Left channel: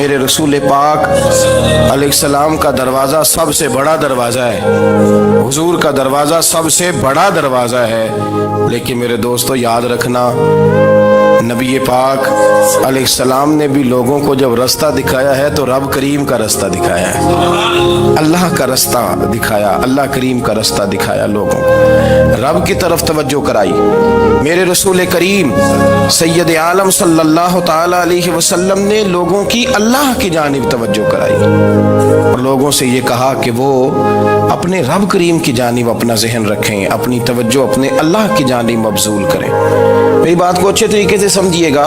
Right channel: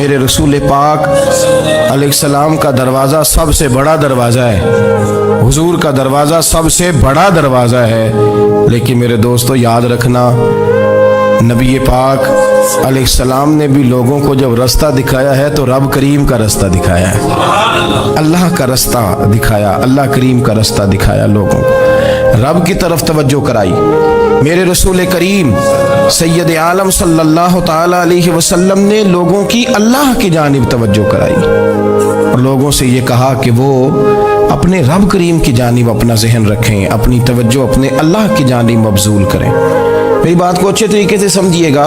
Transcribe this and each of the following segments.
میرے رسول پاک علیہ السلام کا دروازہ سب سے بڑا دروازہ ہے، حضور کا دروازہ سب سے بڑا دروازہ ہے، لیکن میرے دوستو یاد رکھنا نبی پاک علیہ السلام نے بھی لوگوں کو جب رستہ دکھایا ہے تو رب کریم کا رستہ دکھایا ہے، اللہ کا رستہ دکھایا، اللہ کریم کا رستہ دکھایا، لوگوں کو رب کی طرف توجہ کرائی۔ میرے رسول کریم سید عالم صلی اللہ تعالی علیہ وسلم نے لوگوں کی اللہ کی جانب توجہ کرائی اور لوگوں سے یہ کہا کہ وہ اپنے رب کریم کی جانب اپنا ذہن رکھیں، اپنی توجہ اپنے اللہ کی جانب مبذول کریں۔ میری بات کو اچھے طریقے سے سمجھیے گا،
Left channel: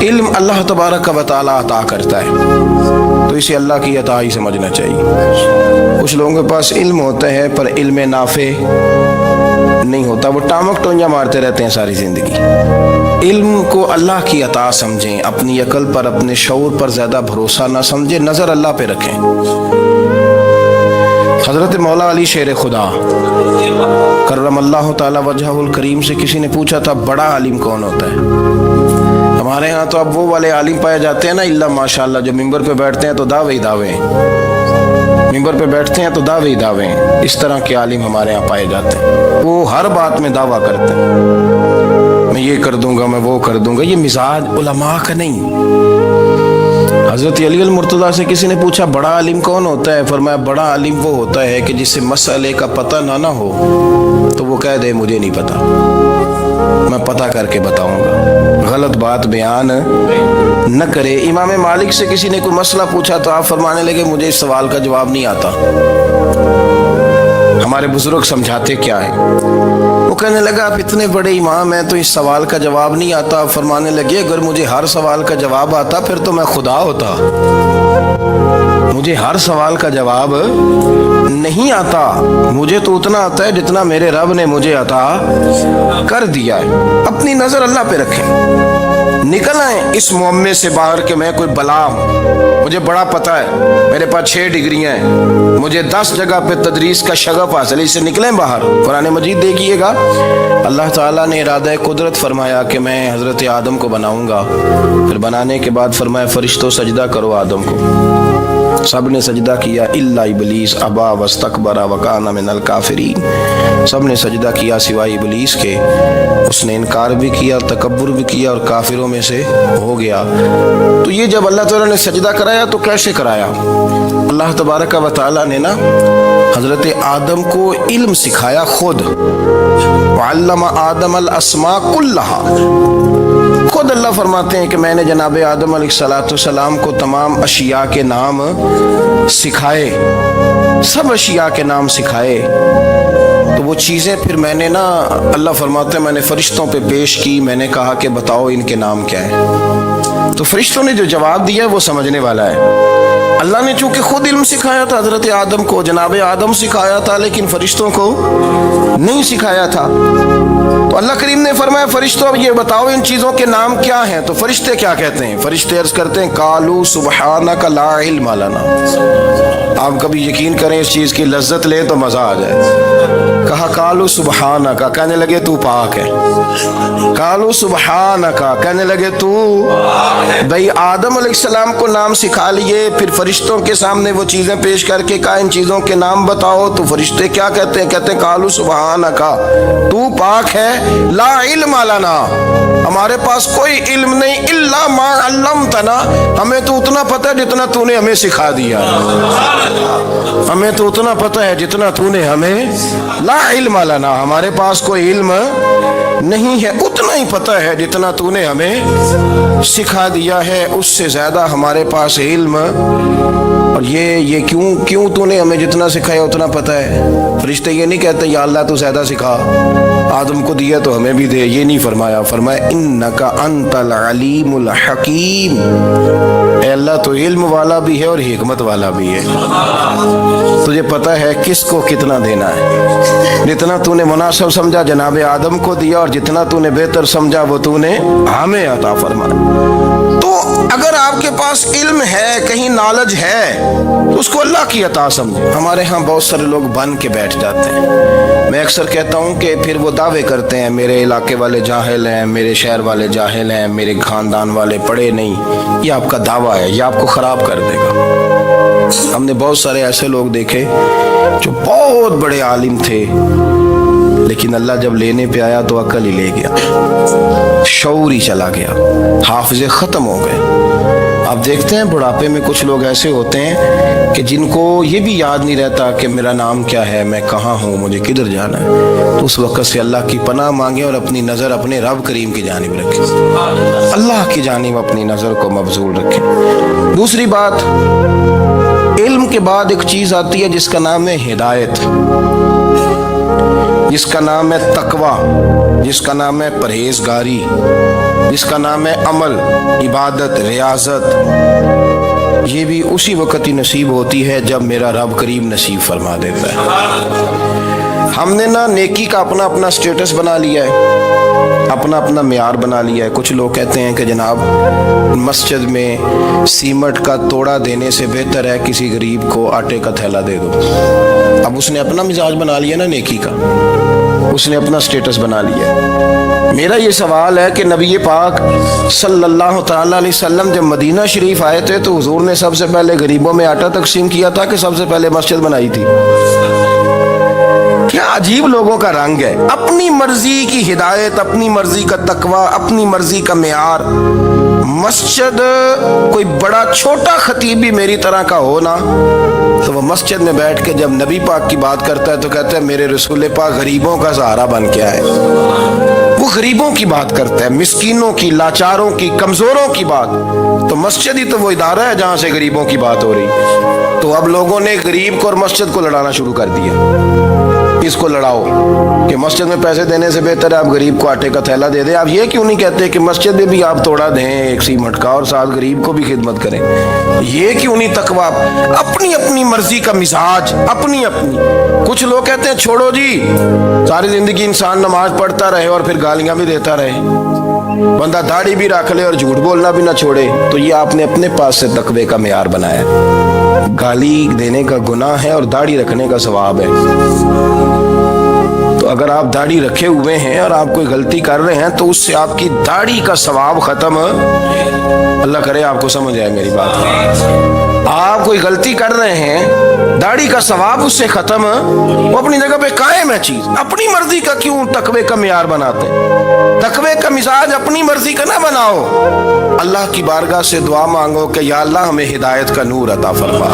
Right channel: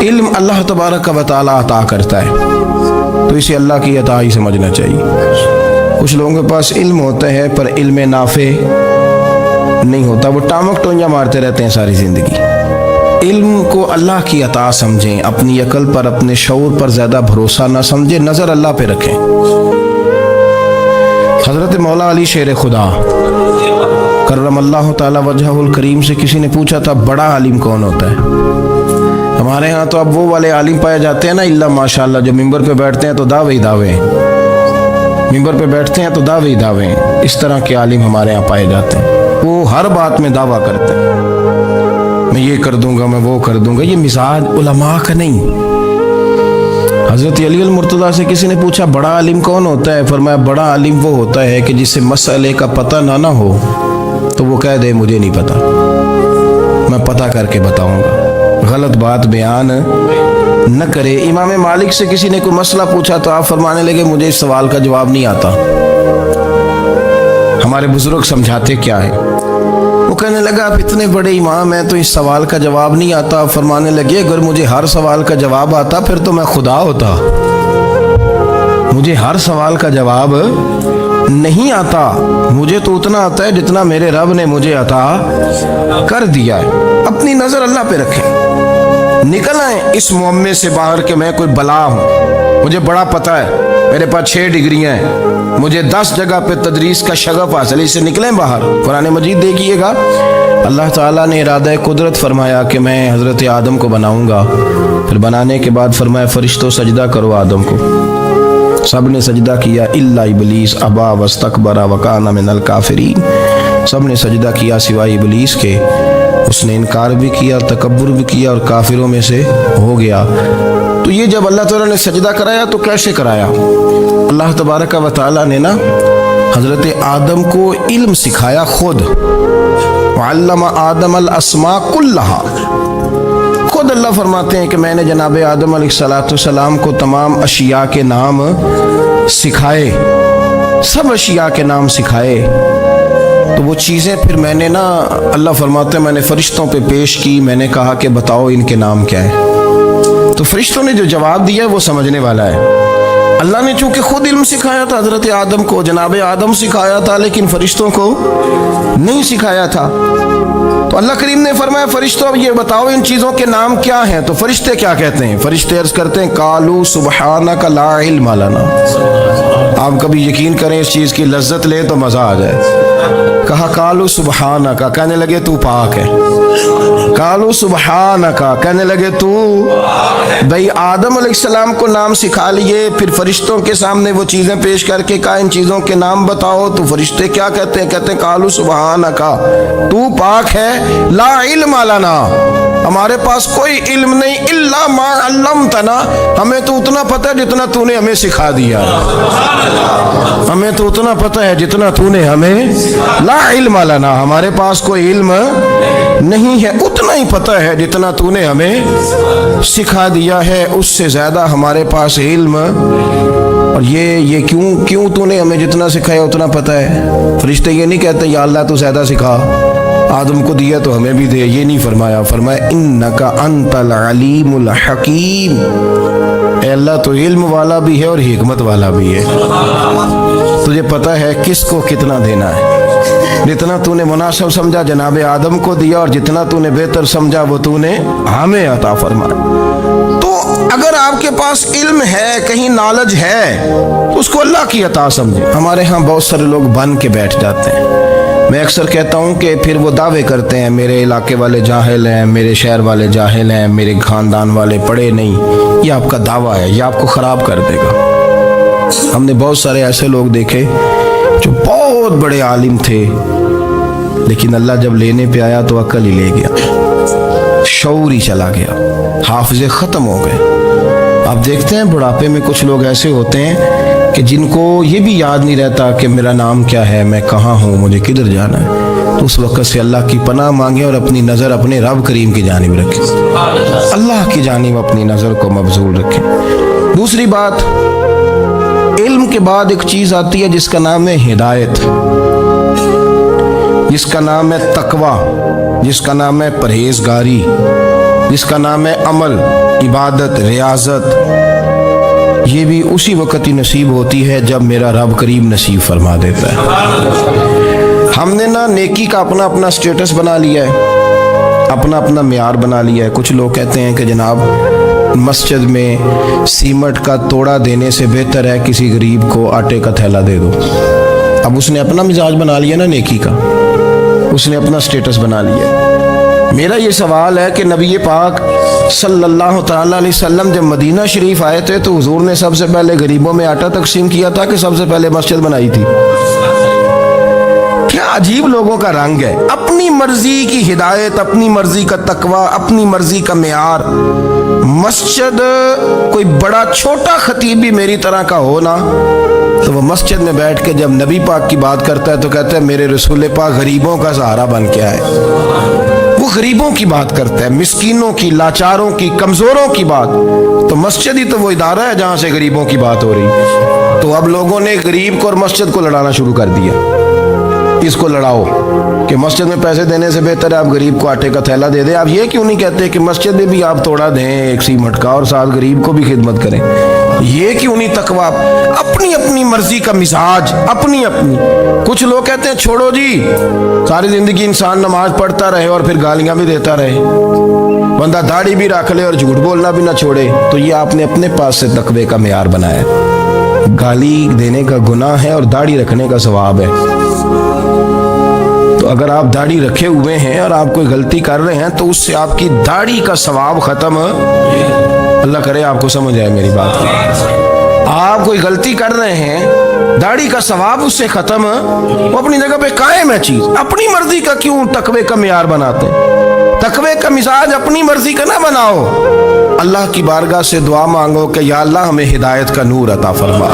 علم اللہ تبارک و تعالی عطا کرتا ہے تو اسے اللہ کی عطا ہی سمجھنا چاہیے۔ کچھ لوگوں کے پاس علم ہوتا ہے پر علم نافع نہیں ہوتا، وہ ٹامک ٹونجا مارتے رہتے ہیں ساری زندگی۔ علم کو اللہ کی عطا سمجھیں، اپنی عقل پر اپنے شعور پر زیادہ بھروسہ نہ سمجھیں، نظر اللہ پہ رکھیں۔ حضرت مولا علی شیر خدا کرم اللہ تعالی وجہہ الکریم سے کسی نے پوچھا تھا بڑا عالم کون ہوتا ہے؟ ہمارے ہاں تو اب وہ والے عالم پائے جاتے ہیں نا اللہ ماشاءاللہ، جو ممبر پہ بیٹھتے ہیں تو دعوے دعوے، ممبر پہ بیٹھتے ہیں تو دعوے دعوے، اس طرح کے عالم ہمارے ہاں پائے جاتے ہیں۔ وہ ہر بات میں دعویٰ کرتے ہیں، میں یہ کر دوں گا، میں وہ کر دوں گا۔ یہ مزاج علماء کا نہیں۔ حضرت علی المرتضیٰ سے کسی نے پوچھا بڑا عالم کون ہوتا ہے؟ فرمایا بڑا عالم وہ ہوتا ہے کہ جسے مسئلے کا پتہ نہ ہو تو وہ کہہ دے مجھے نہیں پتا، میں پتہ کر کے بتاؤں گا، غلط بات بیان نہ کرے۔ امام مالک سے کسی نے کوئی مسئلہ پوچھا تو آپ فرمانے لگے مجھے اس سوال کا جواب نہیں آتا۔ ہمارے بزرگ سمجھاتے کیا ہے؟ وہ کہنے لگا آپ اتنے بڑے امام ہیں تو اس سوال کا جواب نہیں آتا۔ فرمانے لگے اگر مجھے ہر سوال کا جواب آتا پھر تو میں خدا ہوتا، مجھے ہر سوال کا جواب نہیں آتا، مجھے تو اتنا آتا ہے جتنا میرے رب نے مجھے عطا کر دیا ہے۔ اپنی نظر اللہ پہ رکھیں، نکل آئیں اس معمے سے باہر کہ میں کوئی بلا ہوں، مجھے بڑا پتہ ہے، میرے پاس 6 ڈگریاں ہیں، مجھے 10 جگہ پہ تدریس کا شغف حاصل ہے، اس سے نکلیں باہر۔ قرآن مجید دیکھیے گا، اللہ تعالیٰ نے ارادہ قدرت فرمایا کہ میں حضرت آدم کو بناؤں گا، پھر بنانے کے بعد فرمایا فرشتوں سجدہ کرو آدم کو، سب نے سجدہ کیا الا ابلیس ابا واستکبر وکان من الکافرین، سب نے سجدہ کیا سوائے ابلیس کے، اس نے انکار بھی کیا، تکبر بھی کیا اور کافروں میں سے ہو گیا۔ تو یہ جب اللہ تعالیٰ نے سجدہ کرایا تو کیسے کرایا؟ اللہ تبارک و تعالیٰ نے نا حضرت آدم کو علم سکھایا خود، وعلم آدم الاسماء کلہا، خود اللہ فرماتے ہیں کہ میں نے جناب آدم علیہ السلام کو تمام اشیاء کے نام سکھائے، سب اشیاء کے نام سکھائے۔ تو وہ چیزیں پھر میں نے نا، اللہ فرماتے ہیں میں نے فرشتوں پہ پیش کی، میں نے کہا کہ بتاؤ ان کے نام کیا ہے، تو فرشتوں نے جو جواب دیا وہ سمجھنے والا ہے۔ اللہ نے چونکہ خود علم سکھایا تھا حضرت آدم کو، جناب آدم سکھایا تھا، لیکن فرشتوں کو نہیں سکھایا تھا۔ تو اللہ کریم نے فرمایا فرشتوں اب یہ بتاؤ ان چیزوں کے نام کیا ہیں؟ تو فرشتے کیا کہتے ہیں؟ فرشتے عرض کرتے ہیں قالوا سبحانک لا علم لنا۔ آپ کبھی یقین کریں اس چیز کی لذت لے تو مزہ آ جائے۔ کہا قالوا سبحانک، کہنے لگے تو پاک ہے، قالوا سبحانک، کہنے لگے تو بھئی آدم علیہ السلام کو نام سکھا لیے، پھر فرشتوں کے سامنے وہ چیزیں پیش کر کے کہا ان چیزوں کے نام بتاؤ، تو فرشتے کیا کہتے ہیں؟ کہتے ہیں قالوا سبحانک، تو پاک ہے، لا علم لنا، ہمارے پاس کوئی علم نہیں، الا ما علمتنا، ہمیں تو اتنا پتہ ہے جتنا تو نے ہمیں سکھا دیا، ہمیں تو اتنا پتہ ہے جتنا تو نے ہمیں، لا علم لنا، ہمارے پاس کوئی علم نہیں ہے، اتنا ہی پتہ ہے جتنا تو نے ہمیں سکھا دیا ہے، اس سے زیادہ ہمارے پاس علم۔ اور یہ کیوں تو نے ہمیں جتنا سکھایا اتنا پتہ ہے؟ فرشتے یہ نہیں کہتے یا اللہ تو زیادہ سکھا، آدم کو دیا تو ہمیں بھی دے، یہ نہیں فرمایا، فرمایا انک انت العلیم الحکیم، اے اللہ تو علم والا بھی ہے اور حکمت والا بھی ہے، تجھے پتہ ہے کس کو کتنا دینا ہے، جتنا تو نے مناسب سمجھا جناب آدم کو دیا، اور جتنا تو نے بہتر سمجھا وہ تو نے ہمیں عطا فرمایا۔ تو اگر آپ کے پاس علم ہے، کہیں نالج ہے، تو اس کو اللہ کی عطا سمجھے۔ ہمارے ہاں بہت سارے لوگ بن کے بیٹھ جاتے ہیں، میں اکثر کہتا ہوں کہ پھر وہ دعوے کرتے ہیں میرے علاقے والے جاہل ہیں، میرے شہر والے جاہل ہیں، میرے خاندان والے پڑھے نہیں. یہ آپ کا دعویٰ ہے، یہ آپ کو خراب کر دے گا. ہم نے بہت سارے ایسے لوگ دیکھے جو بہت بڑے عالم تھے، لیکن اللہ جب لینے پہ آیا تو عقل ہی لے گیا، شعور ہی چلا گیا، حافظے ختم ہو گئے. آپ دیکھتے ہیں بڑھاپے میں کچھ لوگ ایسے ہوتے ہیں کہ جن کو یہ بھی یاد نہیں رہتا کہ میرا نام کیا ہے، میں کہاں ہوں، مجھے کدھر جانا ہے. تو اس وقت سے اللہ کی پناہ مانگیں اور اپنی نظر اپنے رب کریم کی جانب رکھیں، اللہ کی جانب اپنی نظر کو مبذول رکھیں. دوسری بات، علم کے بعد ایک چیز آتی ہے جس کا نام ہے ہدایت، جس کا نام ہے تقوی، جس کا نام ہے پرہیزگاری، جس کا نام ہے عمل، عبادت، ریاضت. یہ بھی اسی وقت ہی نصیب ہوتی ہے جب میرا رب کریم نصیب فرما دیتا ہے. ہم نے نا نیکی کا اپنا اپنا سٹیٹس بنا لیا ہے، اپنا اپنا معیار بنا لیا ہے. کچھ لوگ کہتے ہیں کہ جناب مسجد میں سیمنٹ کا توڑا دینے سے بہتر ہے کسی غریب کو آٹے کا تھیلا دے دو. اب اس نے اپنا مزاج بنا لیا نا نیکی کا، اس نے اپنا سٹیٹس بنا لیا. میرا یہ سوال ہے کہ نبی پاک صلی اللہ تعالیٰ علیہ وسلم جب مدینہ شریف آئے تھے تو حضور نے سب سے پہلے غریبوں میں آٹا تقسیم کیا تھا کہ سب سے پہلے مسجد بنائی تھی؟ کیا عجیب لوگوں کا رنگ ہے، اپنی مرضی کی ہدایت، اپنی مرضی کا تقوی، اپنی مرضی کا معیار. مسجد کوئی بڑا چھوٹا خطیب بھی میری طرح کا ہو نا تو وہ مسجد میں بیٹھ کے جب نبی پاک کی بات کرتا ہے تو کہتا ہے میرے رسول پاک غریبوں کا سہارا بن کے آئے. وہ غریبوں کی بات کرتا ہے، مسکینوں کی، لاچاروں کی، کمزوروں کی بات. تو مسجد ہی تو وہ ادارہ ہے جہاں سے غریبوں کی بات ہو رہی. تو اب لوگوں نے غریب کو اور مسجد کو لڑانا شروع کر دیا. اس کو لڑاؤ کہ مسجد میں پیسے دینے سے بہتر ہے آپ غریب کو آٹے کا تھیلا دے دیں. آپ یہ کیوں نہیں کہتے کہ مسجد میں بھی آپ توڑا دیں ایک سیمنٹ کا اور ساتھ غریب کو بھی خدمت کریں؟ یہ کیوں نہیں تقوی؟ اپنی اپنی مرضی کا مزاج، اپنی اپنی. کچھ لوگ کہتے ہیں چھوڑو جی، ساری زندگی انسان نماز پڑھتا رہے اور پھر گالیاں بھی دیتا رہے، بندہ داڑھی بھی رکھ لے اور جھوٹ بولنا بھی نہ چھوڑے. تو یہ آپ نے اپنے پاس سے تقوی کا معیار بنایا. گالی دینے کا گناہ ہے اور داڑھی رکھنے کا ثواب ہے. تو اگر آپ داڑھی رکھے ہوئے ہیں اور آپ کوئی غلطی کر رہے ہیں تو اس سے آپ کی داڑھی کا ثواب ختم. اللہ کرے آپ کو سمجھ آئے میری بات. آپ کوئی غلطی کر رہے ہیں، داڑھی کا ثواب اس سے ختم. وہ اپنی جگہ پہ قائم ہے چیز. اپنی مرضی کا کیوں تقوی کا معیار بناتے ہیں؟ تقوی کا مزاج اپنی مرضی کا نہ بناؤ. اللہ کی بارگاہ سے دعا مانگو کہ یا اللہ ہمیں ہدایت کا نور عطا فرما.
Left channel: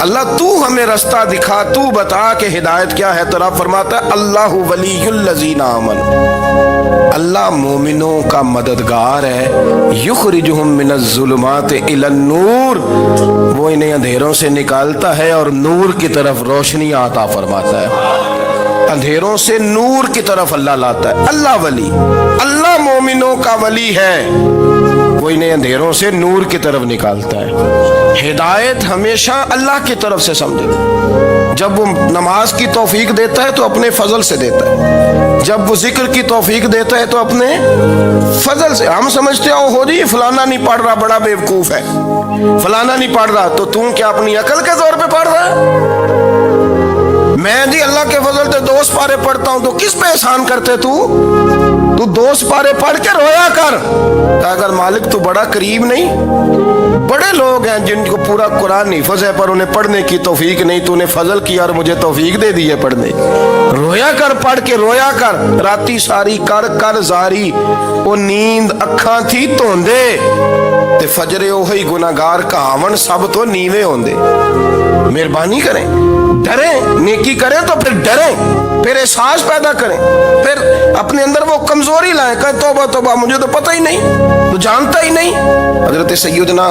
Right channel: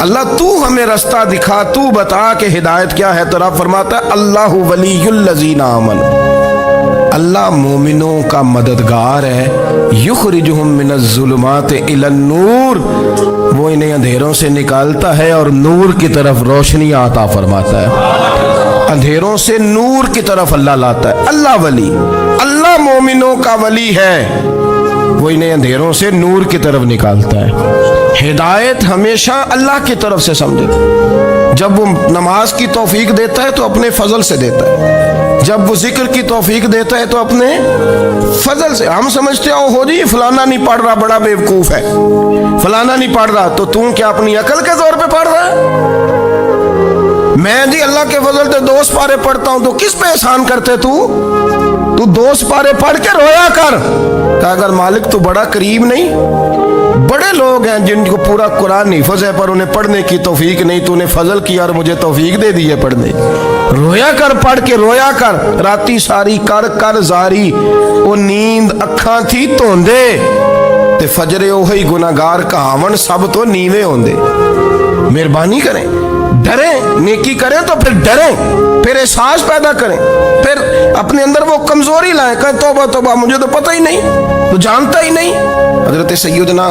اللہ تو ہمیں رستہ دکھا، تو بتا کہ ہدایت کیا ہے. تو رب فرماتا ہے اللہ ولی الذین آمنوا، اللہ مومنوں کا مددگار ہے. یخرجہم من الظلمات الی النور، وہ انہیں اندھیروں سے نکالتا ہے اور نور کی طرف روشنی عطا فرماتا ہے. اندھیروں سے نور کی طرف اللہ لاتا ہے. اللہ ولی، اللہ مومنوں کا ولی ہے، وہ انہیں اندھیروں سے نور کی طرف نکالتا ہے. ہدایت ہمیشہ اللہ کی طرف سے سمجھے. جب وہ نماز کی توفیق دیتا ہے تو اپنے فضل سے دیتا ہے، جب وہ ذکر کی توفیق دیتا ہے تو اپنے فضل سے. ہم سمجھتے ہو جی فلانا نہیں پڑھ رہا بڑا بیوقوف ہے، فلانا نہیں پڑھ رہا، تو تم کیا اپنی عقل کے زور پہ پڑھ رہا ہے؟ میں جی اللہ کے فضل سے 2 سپارے پڑھتا ہوں، تو کس پہ احسان کرتے تو 2 سپارے پڑھ کے رویا کر کہ اگر مالک تو بڑا قریب نہیں. بڑے لوگ ہیں جن کو پورا قرآن حفظ ہے پر انہیں پڑھنے کی توفیق نہیں، تو انہیں فضل کیا اور مجھے توفیق دے دی ہے پڑھنے. رویا کر، پڑھ کے رویا کر. راتی ساری کر کر زاری، وہ نیند اکھاں تھی توندے تے فجرے اوہی گناہگار کہاون سب تو نیوے ہوندے. مہربانی کریں، ڈریں، نیکی کریں تو پھر ڈریں، پھر احساس پیدا کریں، پھر اپنے اندر وہ کمزوری لائیں کہ توبہ توبہ مجھے تو پتہ ہی نہیں، تو جانتا ہی نہیں. حضرت سیدنا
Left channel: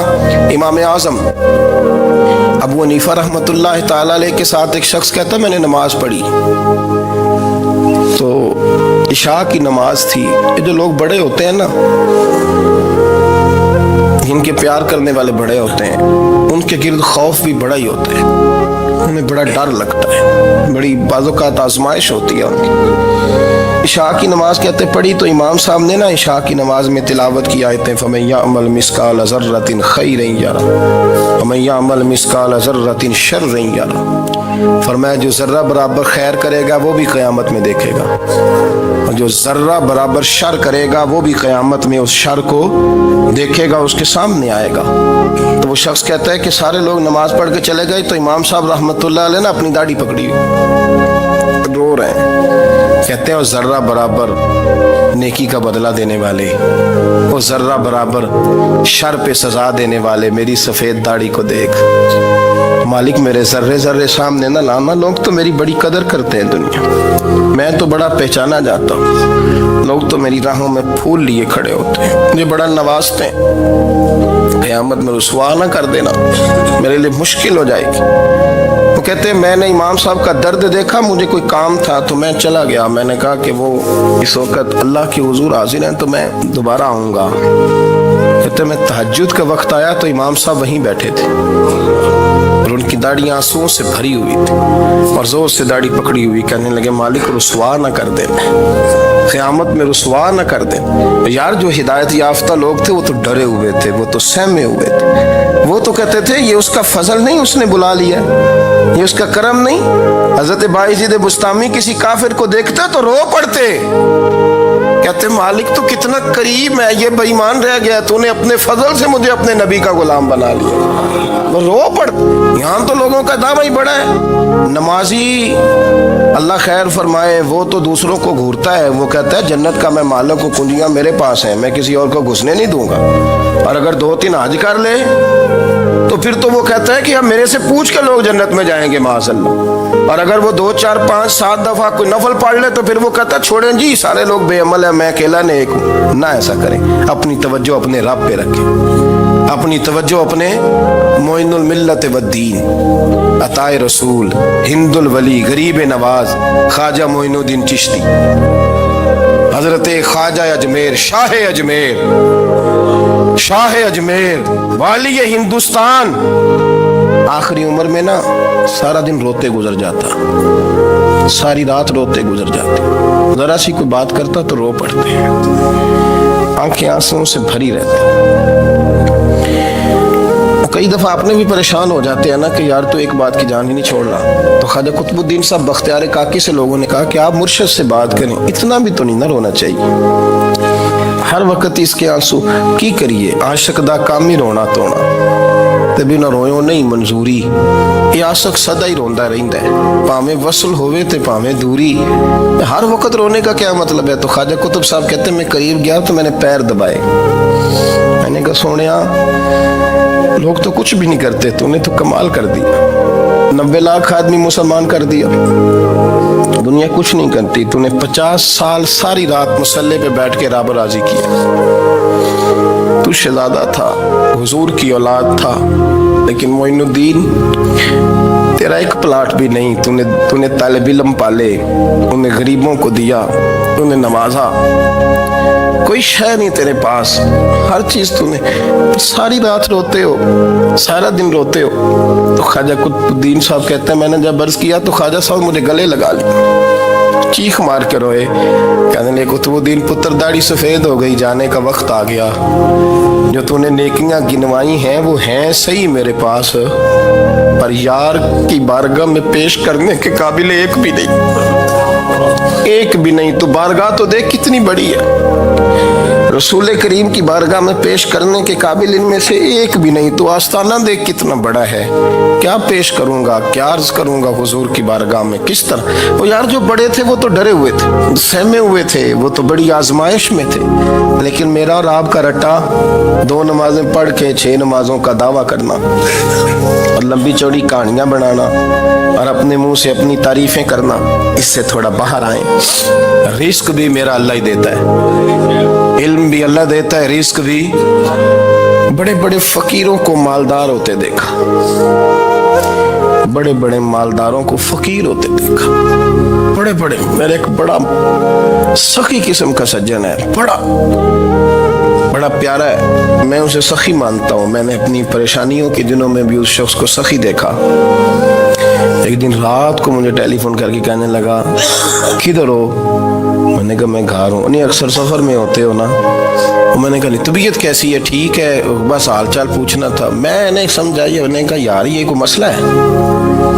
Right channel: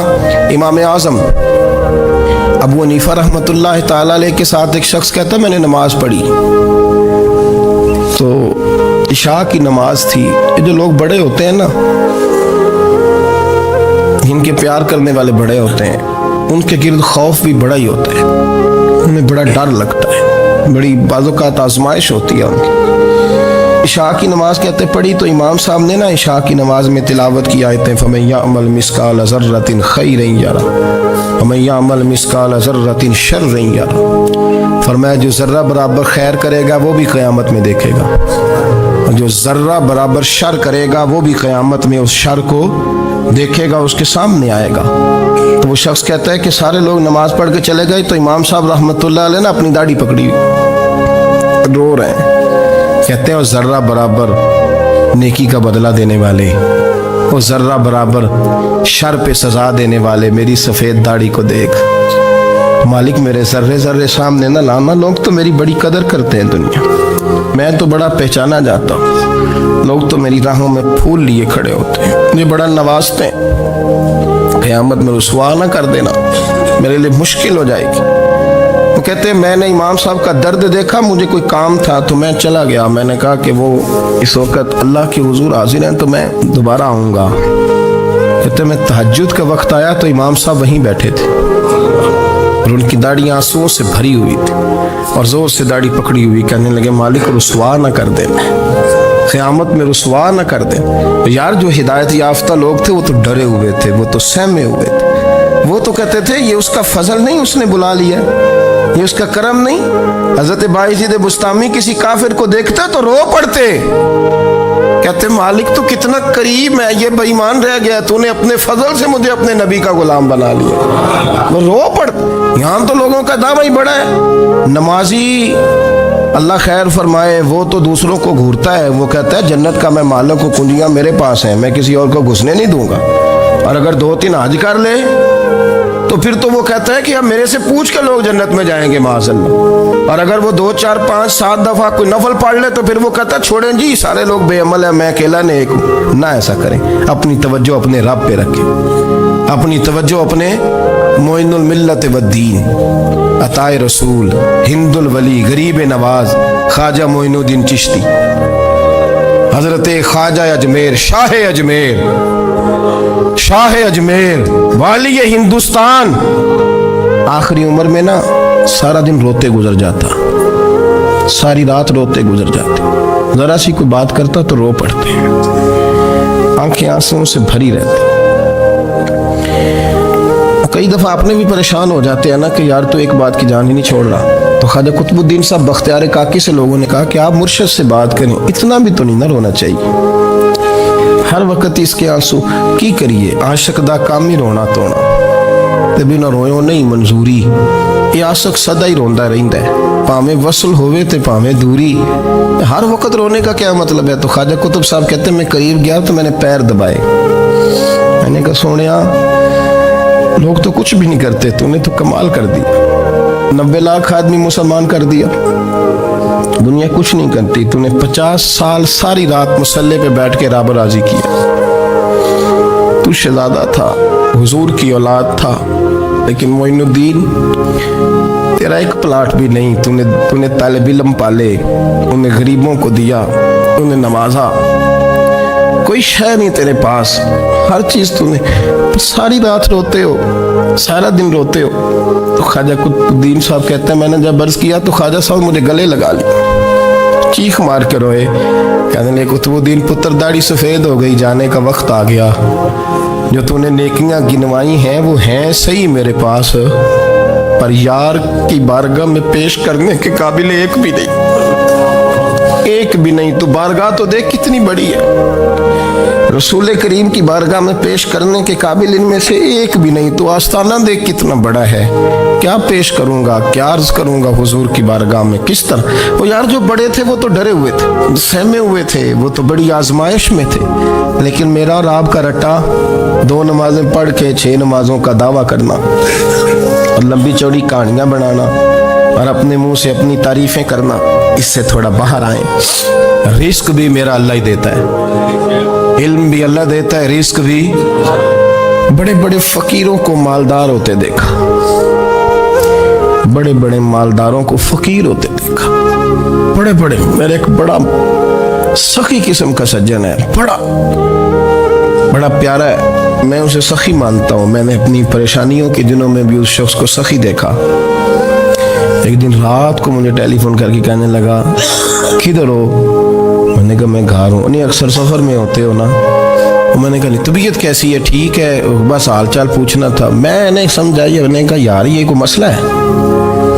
امام اعظم ابو حنیفہ رحمۃ اللہ تعالی علیہ کے ساتھ ایک شخص کہتا میں نے نماز پڑھی تو عشاء کی نماز تھی. یہ جو لوگ بڑے ہوتے ہیں نا، ان کے پیار کرنے والے بڑے ہوتے ہیں، ان کے گرد خوف بھی بڑا ہی ہوتا ہے، انہیں بڑا ڈر لگتا ہے، بڑی بعض اوقات آزمائش ہوتی ہے ان کی. عشاء کی نماز کہتے پڑھی تو امام صاحب نے نا عشاء کی نماز میں تلاوت کی آیتیں فَمَن يَعْمَلْ مِثْقَالَ ذَرَّةٍ خَيْرًا يَرَهُ وَمَن يَعْمَلْ مِثْقَالَ ذَرَّةٍ شَرًّا يَرَهُ فرمایا جو ذرہ برابر خیر کرے گا وہ بھی قیامت میں دیکھے گا، اور جو ذرہ برابر شر کرے گا وہ بھی قیامت میں اس شر کو دیکھے گا، اس کے سامنے آئے گا۔ تو وہ شخص کہتا ہے کہ سارے لوگ نماز پڑھ کے چلے گئے، تو امام صاحب رحمۃ اللہ علیہ نے اپنی داڑھی پکڑی ہوئی، رو رہے ہیں، کہتے ہیں وہ ذرہ برابر نیکی کا بدلہ دینے والے، وہ ذرہ برابر شر پہ سزا دینے والے میری سفید داڑھی کو دیکھ، مالک میرے ذرے ذرے سامنے نہ لانا، لوگ تو میری بڑی قدر کرتے ہیں دنیا، میں تو بڑا پہچانا جاتا ہوں، لوگ تو میری راہوں میں پھول لیے کھڑے ہوتے ہیں، مجھے بڑا نوازتے ہیں، قیامت میں رسوا نہ کر دینا، میرے لیے مشکل ہو جائے گی۔ وہ کہتے ہیں میں نے امام صاحب کا درد دیکھا، مجھے کوئی کام تھا تو میں چلا گیا، میں نے کہا کہ وہ اس وقت اللہ کے حضور حاضر ہیں تو میں دوبارہ آؤں گا۔ کہتے ہیں میں تہجد کا وقت آیا تو امام صاحب وہیں بیٹھے تھے اور ان کی داڑھی آنسوؤں سے بھری ہوئی تھی اور زور سے داڑھی پکڑی ہوئی، کہنے لگے مالک رسوا نہ کر دیں، قیامت میں رسوا نہ کر دیں۔ یار جو ہدایت یافتہ لوگ تھے وہ تو ڈرے ہوئے تھے، وہ تو سہمے ہوئے تھے، وہ تو کہتے تھے یہ اس کا فضل نہیں، اس نے بلا لیا، یہ اس کا کرم نہیں۔ حضرت بایزید بستامی کسی کافر کو دیکھتے تو رو پڑتے، کہتے مالک تو کتنا قریب ہے، یہ بے ایمان رہ گیا، تو نے اپنے فضل سے مجھے اپنے نبی کا غلام بنا لیا، وہ رو پڑتے۔ یہاں تو لوگوں کا دعویٰ ہی بڑا ہے، نمازی اللہ خیر فرمائے وہ تو دوسروں کو گھورتا ہے، وہ کہتا ہے جنت کا میں مالک ہوں، کنجیاں میرے پاس ہیں، میں کسی اور کو گھسنے نہیں دوں گا، اور اگر 2-3 حج کر لے تو پھر تو وہ کہتا ہے کہ اب میرے سے پوچھ کے لوگ جنت میں جائیں گے معاذ اللہ، اور اگر وہ 2 4 5 7 دفعہ کوئی نفل پڑھ لے تو پھر وہ کہتا ہے چھوڑیں جی سارے لوگ بے عمل ہیں، میں اکیلا نیک ہوں۔ نہ ایسا کریں، اپنی توجہ اپنے رب پہ رکھیں، اپنی توجہ اپنے معین الملت والدین، عطا رسول، ہند الولی، غریب نواز، خواجہ معین الدین چشتی، حضرت خواجہ اجمیر، شاہ اجمیر، شاہ اجمیر، والی ہندوستان، آخری عمر میں نا سارا دن روتے گزر جاتا، ساری رات روتے گزر جاتے، ذرا سی کوئی بات کرتا تو رو پڑتے ہیں، آنکھیں آنسوں سے بھری رہتی۔ کئی دفعہ آپ نے بھی پریشان ہو جاتے ہیں نا کہ یار تو ایک بات کی جان ہی نہیں چھوڑ رہا، تو خواجہ قطب الدین صاحب بختیار کاکی سے لوگوں نے کہا کہ آپ مرشد سے بات کریں، اتنا بھی تو نہیں نہ رونا چاہیے، ہر وقت اس کے آنسو کی کریے، عاشق دا کام ہی رونا تونا، تبھی نہ رویوں نہیں منظوری، یہ عاشق سدا ہی روندا رہندا ہے، پاویں وصل ہوئے تے پاویں دوری، ہر وقت رونے کا کیا مطلب ہے؟ تو خواجہ قطب صاحب کہتے ہیں میں قریب گیا تو میں نے پیر دبائے، میں نے کہا سونیا لوگ تو کچھ بھی نہیں کرتے، تو نے تو کمال کر دیا، 90 لاکھ آدمی مسلمان کر دیا، دنیا کچھ نہیں کرتی، تو نے 50 سال ساری رات مصلے پہ بیٹھ کے رب راضی کیا، تو شہزادہ تھا، حضور کی اولاد تھا، لیکن معین الدین تیرا ایک پلاٹ بھی نہیں، تو نے طالب علم پالے، انہیں غریبوں کو دیا، انہیں نوازا، کوئی شے نہیں تیرے پاس، ہر چیز تو نے، ساری رات روتے ہو، سارا دن روتے ہو۔ تو خواجہ قطب الدین صاحب کہتے ہیں میں نے جب عرض کیا تو خواجہ صاحب مجھے گلے لگا لیا، چیخ مار کے روئے، کہنے لگے قطب الدین پتر داڑھی سفید ہو گئی، جانے کا وقت آ گیا، جو تو نے نیکیاں گنوائی ہیں وہ ہیں صحیح میرے پاس، پر یار کی بارگاہ میں پیش کرنے کے قابل ایک بھی نہیں، ایک بھی نہیں، تو بارگاہ تو دیکھ کتنی بڑی ہے، رسول کریم کی بارگاہ میں پیش کرنے کے قابل ان میں سے ایک بھی نہیں، تو آستانہ دیکھ کتنا بڑا ہے، کیا پیش کروں گا، کیا عرض کروں گا حضور کی بارگاہ میں، کس طرح؟ وہ یار جو بڑے تھے وہ تو ڈرے ہوئے تھے، سہمے ہوئے تھے، وہ تو بڑی آزمائش میں تھے، لیکن میرا اور آپ کا رٹا 2 نمازیں پڑھ کے 6 نمازوں کا دعویٰ کرنا اور لمبی چوڑی کہانیاں بنانا اور اپنے منہ سے اپنی تعریفیں کرنا، اس سے تھوڑا باہر آئیں۔ رزق بھی میرا اللہ ہی دیتا ہے، علم بھی اللہ دیتا ہے، رزق بھی۔ بڑے بڑے فقیروں کو مالدار ہوتے دیکھا، بڑے بڑے مالداروں کو فقیر ہوتے دیکھا، بڑے بڑے، میرے ایک بڑا سخی قسم کا سجن ہے، بڑا پیارا ہے، میں اسے سخی مانتا ہوں، میں نے اپنی پریشانیوں کے دنوں میں بھی اس شخص کو سخی دیکھا۔ ایک دن رات کو مجھے ٹیلی فون کر کے کہنے لگا کدھر ہو؟ میں نے کہا میں گھر ہوں۔ نہیں اکثر سفر میں ہوتے ہو نا؟ میں نے کہا طبیعت کیسی ہے؟ ٹھیک ہے، بس حال چال پوچھنا تھا۔ میں نے سمجھائی، میں نے کہا یار یہ کوئی مسئلہ ہے؟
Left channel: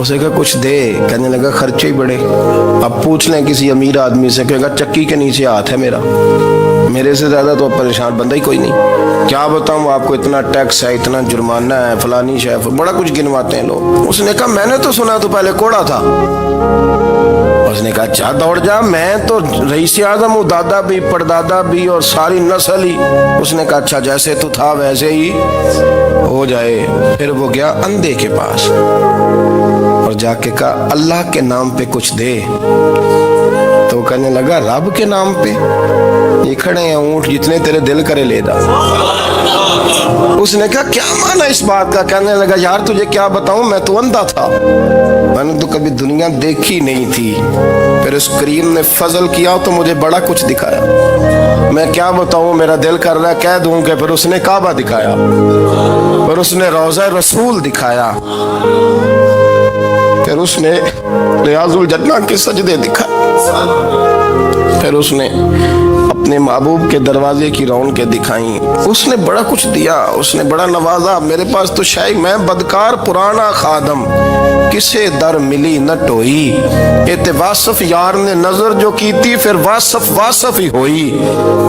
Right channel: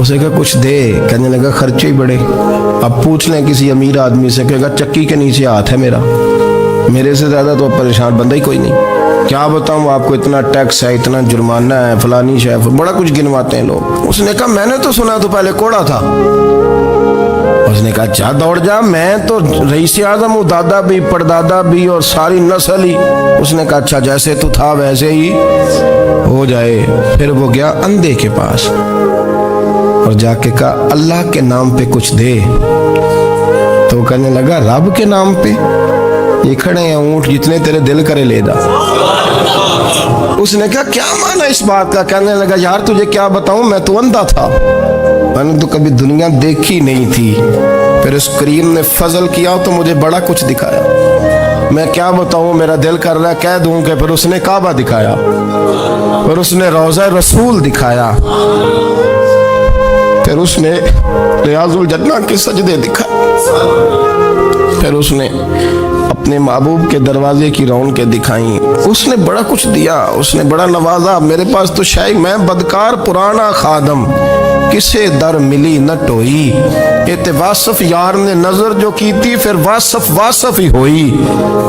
اسے کہا کچھ دے، کہنے لگا خرچے ہی بڑے، اب پوچھ لیں کسی امیر آدمی سے، کہے گا چکی کے نیچے ہاتھ ہے میرا، میرے سے زیادہ تو پریشان بندہ ہی کوئی نہیں، کیا بتاؤں آپ کو، اتنا ٹیکس ہے، اتنا جرمانہ ہے، فلانی شے، بڑا کچھ گنواتے ہیں لوگ۔ اس نے کہا میں نے تو سنا تو پہلے کوڑا تھا۔ اس نے کہا جا دوڑ جا، میں تو رئیس اعظم ہوں، دادا بھی پردادا بھی اور ساری نسل ہی۔ اس نے کہا اچھا جیسے تو تھا ویسے ہی ہو جائے۔ پھر وہ گیا اندھے کے پاس اور جا کے کہا اللہ کے نام پہ کچھ دے، تو کہنے لگا رب کے نام پہ؟ یہ کھڑے ہیں اونٹ، جتنے تیرے دل کرے لے دا۔ اس نے کہا کیا معنی اس بات کا؟ کہنے لگا یار تجھے کیا بتاؤں، میں تو اندھا تھا، میں نے تو کبھی دنیا دیکھی نہیں تھی، پھر اس کریم نے فضل کیا تو مجھے بڑا کچھ دکھایا، میں کیا بتاؤں، میرا دل کر رہا ہے کہہ دوں کہ پھر اس نے کعبہ دکھایا، پھر اس نے روضہ رسول دکھایا، پھر اس نے ریاض الجنہ کے سجدے دکھائے، پھر اس نے اپنے محبوب کے دروازے کی رونقیں دکھائیں، اس نے بڑا کچھ دیا، اس نے بڑا نوازا۔ میرے پاس تو شاید میں بدکار پرانا خادم، کسے در ملی نہ ٹوئی، یہ واصف یار نے نظر جو کی تھی، پھر واصف ہی ہوئی،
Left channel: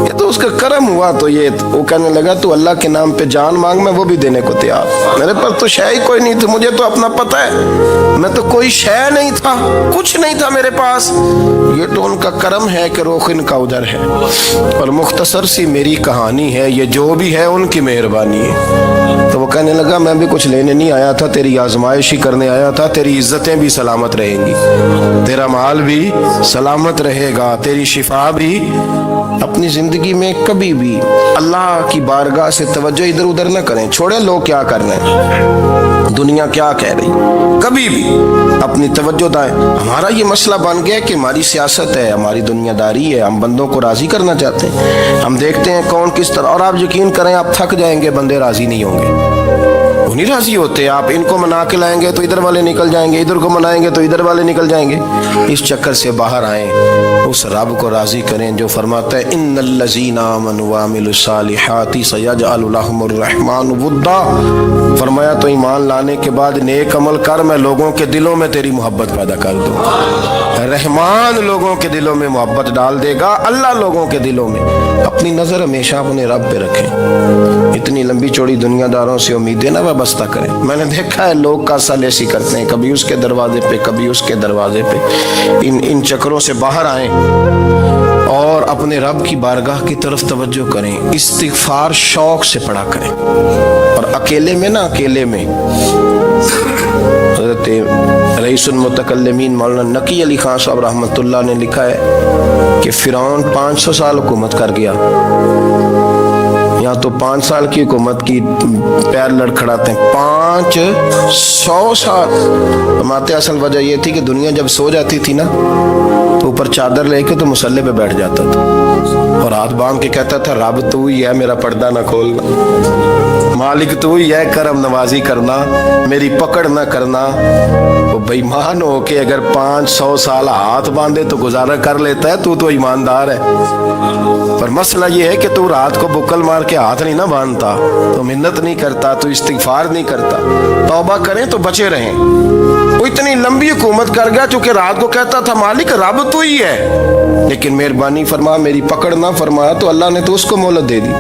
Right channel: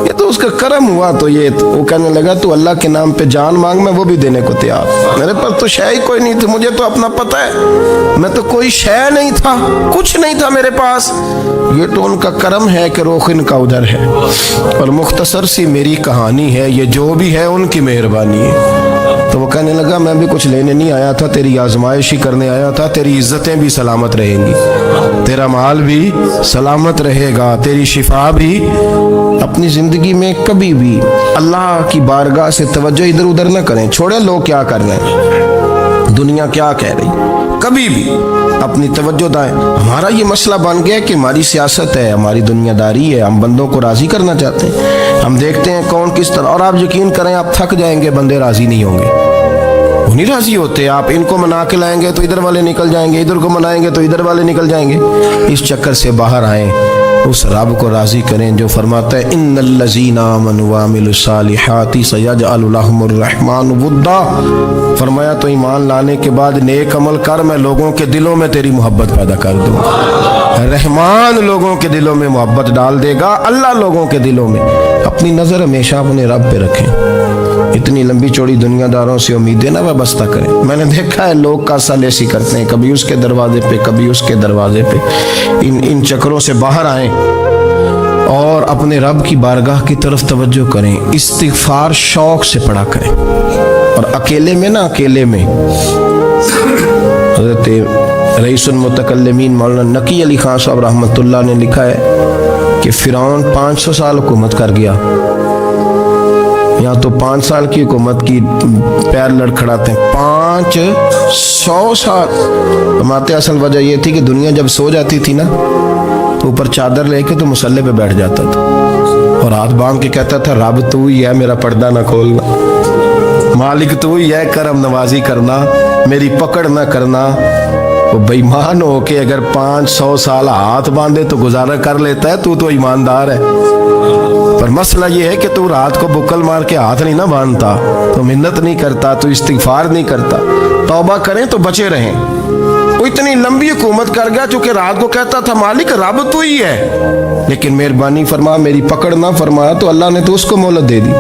یہ تو اس کا کرم ہوا۔ تو یہ وہ کہنے لگا تو اللہ کے نام پہ جان مانگ، میں وہ بھی دینے کو تیار، میرے پاس تو شے ہی کوئی نہیں تھی، مجھے تو اپنا پتہ ہے، میں تو کوئی شے نہیں تھا، کچھ نہیں تھا میرے پاس، یہ تو ان کا کرم ہے کہ رخ ان کا ادھر ہے، اور مختصر سی میری کہانی ہے، یہ جو بھی ہے ان کی مہربانی ہے۔ تو وہ کہنے لگا میں بھی کچھ لینے نہیں آیا تھا، تیری آزمائش ہی کرنے آیا تھا، تیری عزتیں بھی سلامت رہیں گی، تیرا مال بھی سلامت رہے گا، تیری شفا بھی۔ اپنی زندگی میں کبھی بھی اللہ کی بارگاہ سے توجہ ادھر ادھر نہ کریں، چھوڑیں لوگ کیا کر رہے ہیں، دنیا کیا کہہ رہی، کبھی بھی اپنی توجہ دائیں۔ ہمارا یہ مسئلہ بن گیا کہ ہماری سیاست ہے، ہماری دنیا داری ہے، ہم بندوں کو راضی کرنا چاہتے ہیں، ہم دیکھتے ہیں کون کس طرح، اور آپ یقین کریں آپ تھک جائیں گے، بندے راضی نہیں ہوں گے، وہ نہیں راضی ہوتے، آپ ان کو منا کے لائیں گے تو ادھر والے نکل جائیں گے، ادھر کو منائیں گے تو ادھر والے نکل جائیں گے۔ اس چکر سے باہر آئیں، اس رب کو راضی کریں جو فرماتا ہے ان الذین آمنوا وعملوا الصالحات سیجعل لهم الرحمن ودا۔ فرمایا تو ایمان لانے کے بعد نیک عمل کر، میں لوگوں کے دلوں میں تیری محبت پیدا کر دوں۔ رحمان لوگوں کے دلوں میں محبت ڈال دے گا، اللہ لوگوں کے دلوں میں۔ اپنی نظر ہمیشہ اپنے رب پہ رکھیں، اتنی لمبی چوڑی دنیا داروں سے امیدیں نہ وابستہ کریں۔ میں نے دیکھا ہے لوگ کاسا لیسی کرتے ہیں، کبھی اس کے دروازے پہ کبھی اس کے دروازے پہ، ان چکروں سے باہر آئیں اور اپنے رب کی بارگاہ کی طرف توجہ کریں، استغفار شوق سے پڑھا کریں، اور اکیلے میں نہ، اکیلے میں حضرت رئیس المتکلمین مولانا نقی علی خان صاحب رحمۃ اللہ نے لکھا ہے کہ فرعون 500 سال حکومت کر گیا، یہاں تو 5 سال کی حکومت کی پیر لڑکھڑاتے ہیں، 500 سال۔ فرماتے اصل وجہ یہ تھی کہ دنیا جب سو جاتی تھی نا تو اوپر چادر لے کے تو مصلے پہ بیٹھ جاتا تھا اور ہاتھ باندھ کے کہتا تھا رب تو ہی ہے، میرا پردہ نہ کھولنا، مالک تو ہی ہے، کرم نوازی کرنا، میری پکڑ نہ کرنا۔ وہ بے ایمان ہو کے اگر 500 سال ہاتھ باندھے تو گزارا کر لیتا ہے، تو ایماندار ہے، پر مسئلہ یہ ہے کہ تو رات کو بکل مار کے ہاتھ نہیں نہ باندھتا، تو منت نہیں کرتا، تو استغفار نہیں کرتا۔ توبہ کریں تو بچے رہیں۔ وہ اتنی لمبی حکومت کر گیا چونکہ رات کو کہتا تھا مالک رب تو ہی ہے، لیکن مہربانی فرما، میری پکڑ نہ فرمایا، تو اللہ نے تو اس کو مہلت دے دی۔